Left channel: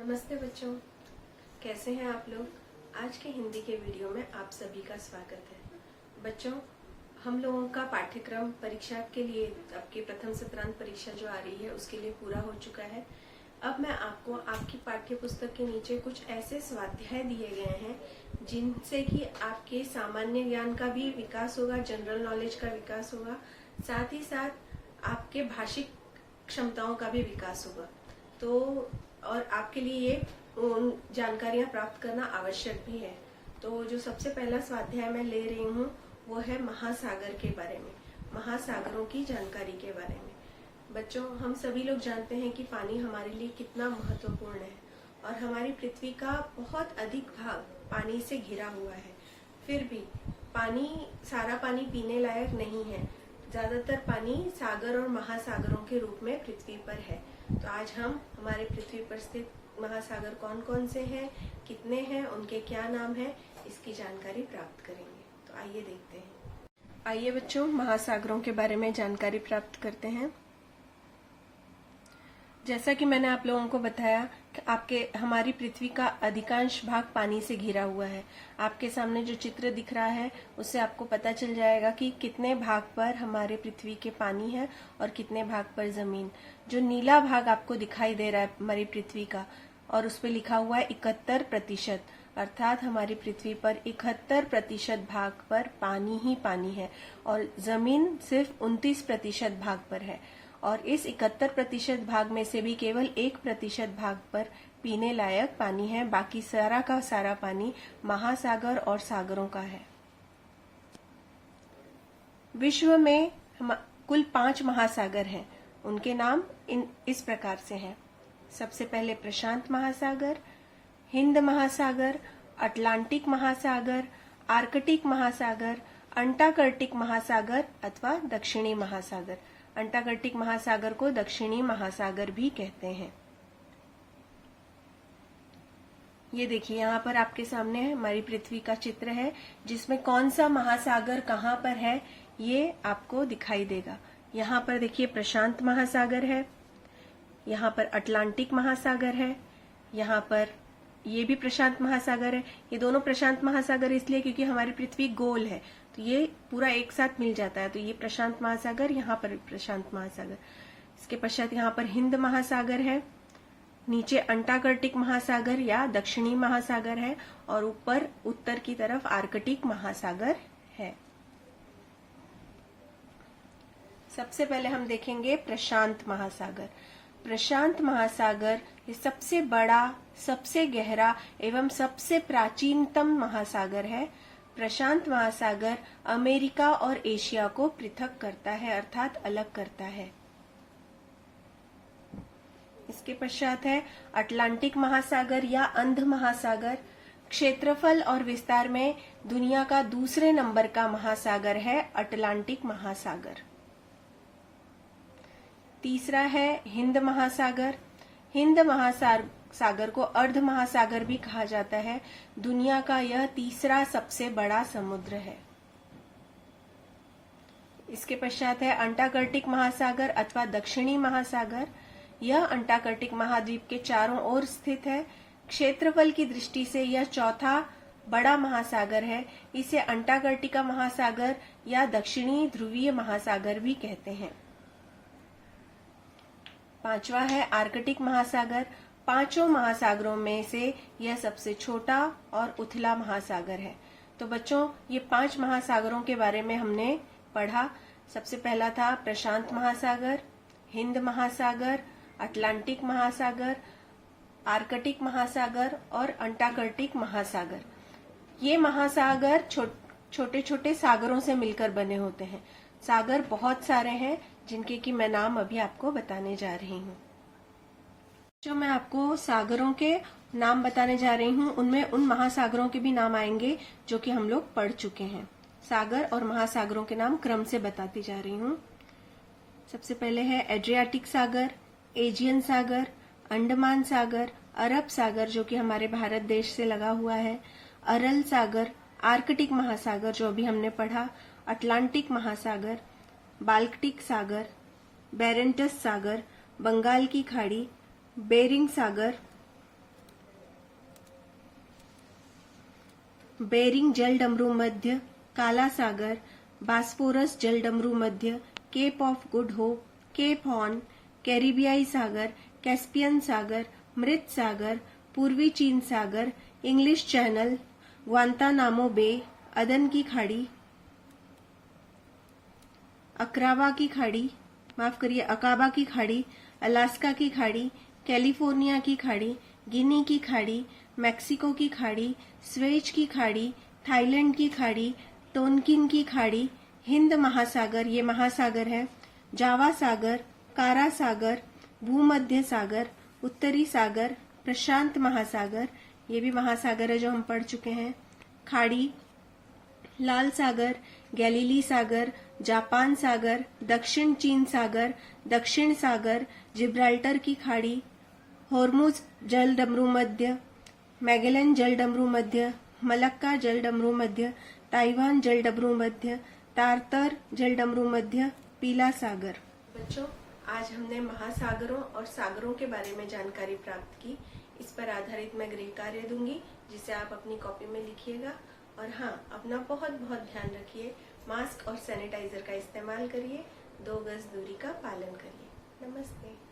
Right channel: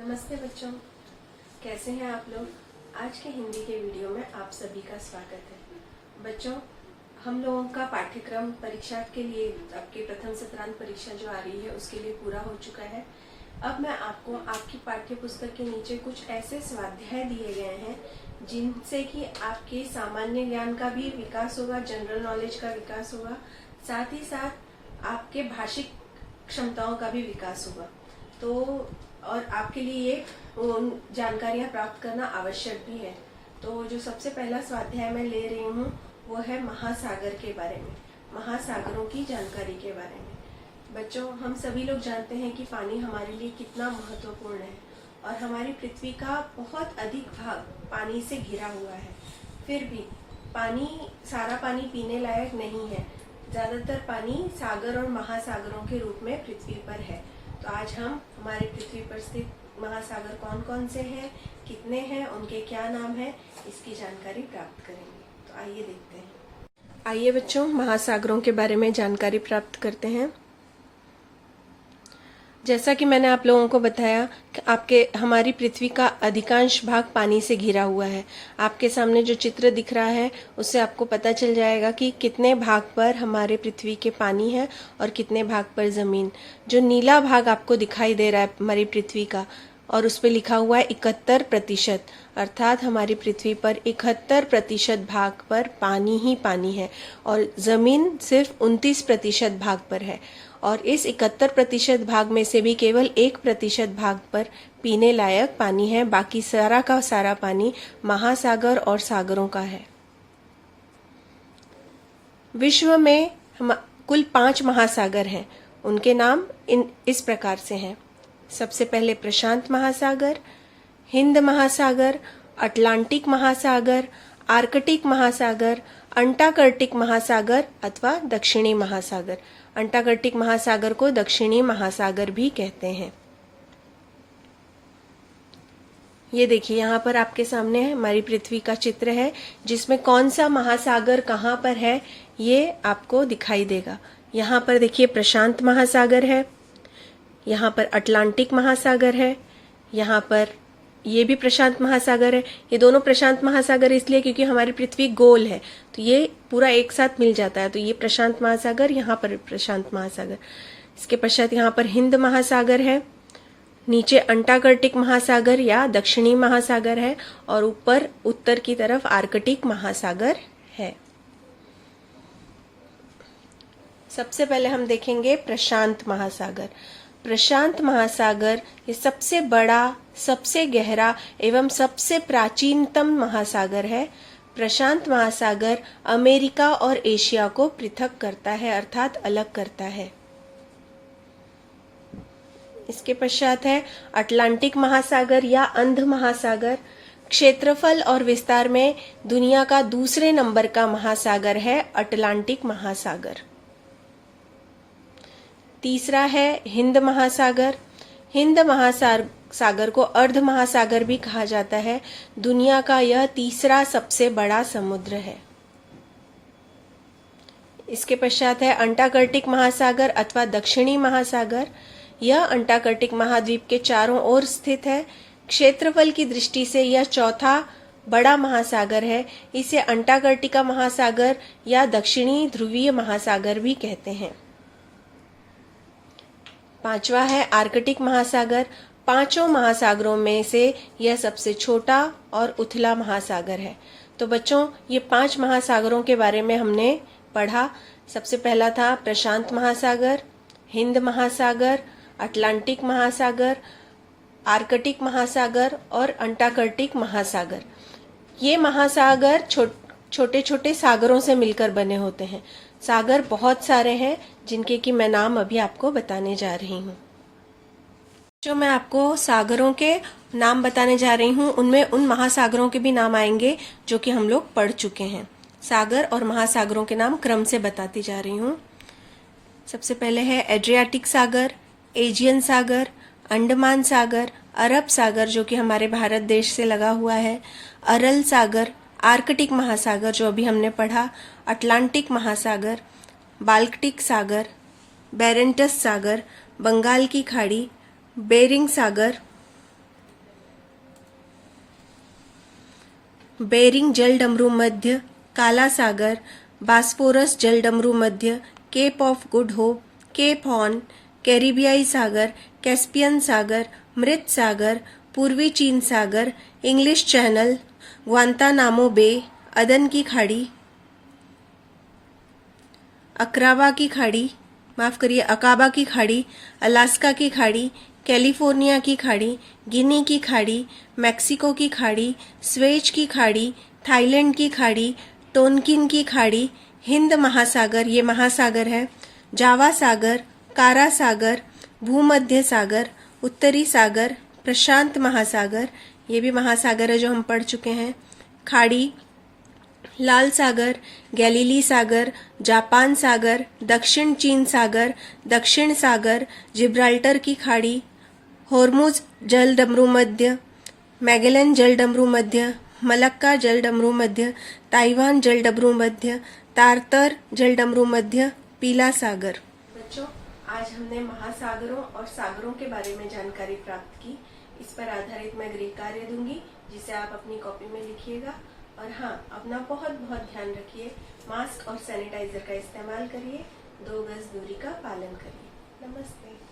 नमस्ते बच्चों, कैसे हैं आप लोग। आज के हिंदी के वीडियो में आप सभी का स्वागत है। बच्चों, हम लोगों का पाठ्यक्रम परीक्षा के लिए आपके प्रथम सत्रांत परीक्षा जो आ रही है उसके लिए पूरा हो चुका है। अब मैं आपको आपकी पाठ्य पुस्तक के नीचे कुछ ऐसे स्वाध्याय दिए गए हैं जिनसे कि आपके सामान्य ज्ञान का भी विकास होगा, जनरल नॉलेज का विकास होगा, साथ ही साथ आपके भाषिक क्षमताओं का भी विकास होगा। तो और आपके लिए ये जानकारियां प्राप्त करना आवश्यक भी है। तो जो सबसे पहला स्वाध्याय मैं ले रही हूँ वो है महासागर के बारे में, महासागरों की जानकारी के बारे में। बच्चों, हम सभी लोग जानते हैं कि पानी हमारे लिए कितना महत्वपूर्ण है और हमारी पृथ्वी का बहुत अधिक भाग पानी से घिरा हुआ है। फिर भी सारा पानी पीने लायक नहीं है। ज्यादातर पानी सागर और महासागरों के रूप में पृथ्वी पर है। तो आज हम हमारे पृथ्वी पर स्थित महासागर कौन कौन से हैं, कितने हैं, उनके क्या नाम है, इसकी जानकारी प्राप्त करेंगे। तो आइए देखते हैं। आइए बच्चों, महासागरों के बारे में जानकारी प्राप्त करते हैं। जैसा कि मैंने आप लोगों को बताया कि हमारी पृथ्वी का अधिकांश भाग पानी से घिरा हुआ है। आपके सामने जो चित्र दिख रहा है उससे आपको पता चल जाएगा कि कितने भाग पर हमारे पृथ्वी के पानी है और कितने भाग पर जमीन। जो नीला भाग आपको दिखाई दे रहा है हमारी पृथ्वी का, और उस पर लिखा हुआ है 71%, अर्थात हमारी पृथ्वी पर 71% भाग पर पानी ही पानी है और जमीन सिर्फ 29% भाग पर है। और इस 71% भाग में से भी केवल 1% भाग पर पीने लायक पानी है। बाकी सारा का सारा पानी महासागर और सागरों का है। विश्व में कुल 5 महासागर हैं। उनके नाम इस प्रकार से हैं। सबसे पहले प्रशांत महासागर, हिंद महासागर, अटलांटिक महासागर, आर्कटिक महासागर, अंटार्कटिक महासागर अथवा दक्षिणी महासागर। अंटार्कटिक महासागर को दक्षिणी महासागर भी कहते हैं। ये देखिए, यहाँ पर आपके सामने हमारी पृथ्वी का चित्र है जिसमें कौन सा महासागर कहाँ पर है ये आपको दिखाई देगा। यहाँ पर देखिए प्रशांत महासागर है, यहाँ पर अटलांटिक महासागर है, यहाँ पर ये भी प्रशांत महासागर है। ये दोनों प्रशांत महासागर इसलिए क्योंकि हमारी पृथ्वी गोल है, तो ये पूरा एक साथ मिल जाता है। तो ये प्रशांत महासागर, यहाँ पर प्रशांत महासागर। इसके पश्चात यहाँ पर हिंद महासागर है, नीचे अंटार्कटिक महासागर या दक्षिणी महासागर है और ऊपर उत्तर की तरफ आर्कटिक महासागर है। सबसे पहले हम देखेंगे प्रशांत महासागर। प्रशांत महासागर ये सबसे बड़ा, सबसे गहरा एवं सबसे प्राचीनतम महासागर है। प्रशांत महासागर अमेरिका और एशिया को पृथक करता है, अर्थात अलग करता है। इसके पश्चात है अटलांटिक महासागर या अंध महासागर। क्षेत्रफल और विस्तार में दुनिया का दूसरे नंबर का महासागर है अटलांटिक महासागर। तीसरा है हिंद महासागर। हिंद महासागर को अर्ध महासागर भी कहा जाता है। दुनिया का यह तीसरा सबसे बड़ा समुद्र है। इसके पश्चात है अंटार्कटिक महासागर अथवा दक्षिणी महासागर। यह अंटार्कटिक महाद्वीप के चारों ओर स्थित है। क्षेत्रफल की दृष्टि से यह चौथा बड़ा महासागर है। इसे अंटार्कटिका महासागर या दक्षिणी ध्रुवीय महासागर भी कहते हैं। पांचवा है आर्कटिक महासागर। पांचों महासागरों में से यह सबसे छोटा और उथला महासागर है। तो बच्चों, ये 5 महासागरों के बारे में हमने पढ़ा। सबसे पहला था प्रशांत महासागर, हिंद महासागर, अटलांटिक महासागर, आर्कटिक महासागर और अंटार्कटिक महासागर। ये महासागर छोटे छोटे सागरों से मिलकर बने होते हैं। सागर बहुत सारे हैं जिनके कि मैं नाम अभी आपको बताने जा रही हूँ। जो मैं आपको सागरों के नाम बताने जा रही हूँ उनमें उन महासागरों के भी नाम आएंगे जो कि हम लोग पढ़ चुके हैं। सागर और महासागरों के नाम क्रम से बताती जा रही हूँ। सबसे पहले है एड्रियाटिक सागर, एजियन सागर, अंडमान सागर, अरब सागर जो कि हमारे भारत देश से लगा हुआ है, अरल सागर, आर्कटिक महासागर जो अभी हमने पढ़ा, अटलांटिक महासागर, बाल्टिक सागर, बेरेंटस सागर, बंगाल की खाड़ी, बेरिंग सागर, बेरिंग जलडमरू मध्य, काला सागर, बास्फोरस जलडमरू मध्य, Cape of Good Hope, Cape Horn, कैरिबियाई सागर, कैस्पियन सागर, मृत सागर, पूर्वी चीन सागर, इंग्लिश चैनल, ग्वांतानामो बे, अदन की खाड़ी, अकाबा की खाड़ी, अलास्का की खाड़ी, कैलिफोर्निया की खाड़ी, गिनी की खाड़ी, मैक्सिको की खाड़ी, स्वेज की खाड़ी, थाईलैंड की खाड़ी, टोनकिन की खाड़ी, हिंद महासागर, ये महासागर है, जावा सागर, कारा सागर, भूमध्य सागर, उत्तरी सागर, प्रशांत महासागर, ये भी महासागर है जो हम पढ़ चुके हैं, खाड़ी, लाल सागर, गैलीली सागर, जापान सागर, दक्षिण चीन सागर, दक्षिण सागर, जिब्राल्टर की खाड़ी, होर्मुज जलडमरू मध्य, मैगेलन जलडमरू मध्य, मलक्का जलडमरू मध्य, ताइवान जलडमरू मध्य, तारतर जलडमरू मध्य, पीला सागर। बच्चों, आज हमने महासागरों और सागरों के बारे में जानकारी प्राप्त की। इस पर आधारित मैं गृह कार्य दूंगी जिसे आप अपनी कॉपी में लिखिएगा। और हाँ, अपना बहुत बहुत ध्यान रखिए, मास्क और सैनिटाइजर का इस्तेमाल करिए, 2 गज दूरी का पालन करिए। नमस्ते।